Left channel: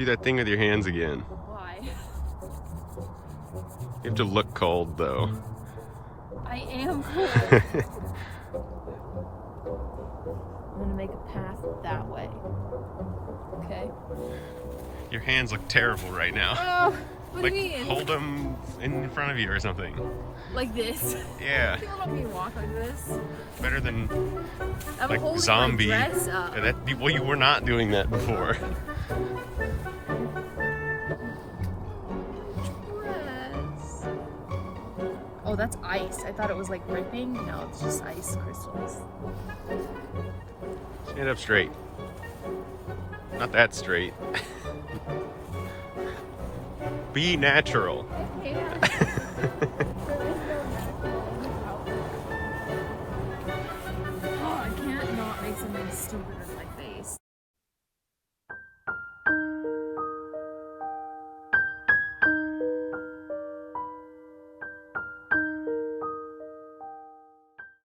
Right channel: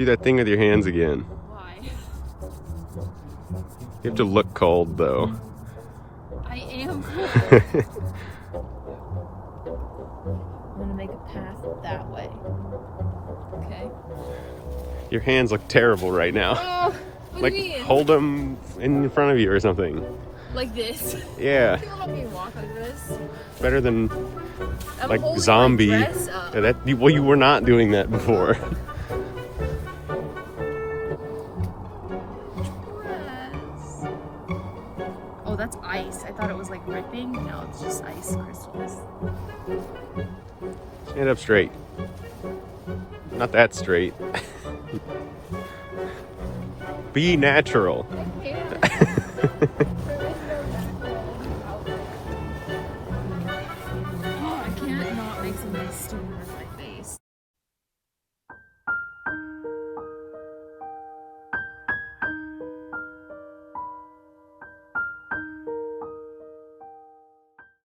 Do that thing with your hands again. Why? You have to look cold, though. I am cold. I'm gonna make a path that way. Okay. Your hands look terrible right now. Oh, what Like, do you mean? hold them in front of you or something. Like this? Yeah. You want me to walk like this? Better than I'm like holding zombie. my dress up. Yeah, well, you were not doing that before. Dress. Oh, that's ice. I thought it was like ripping. No, it's just ice crystals. Stand up straight. Not that straight. Be natural. Yeah.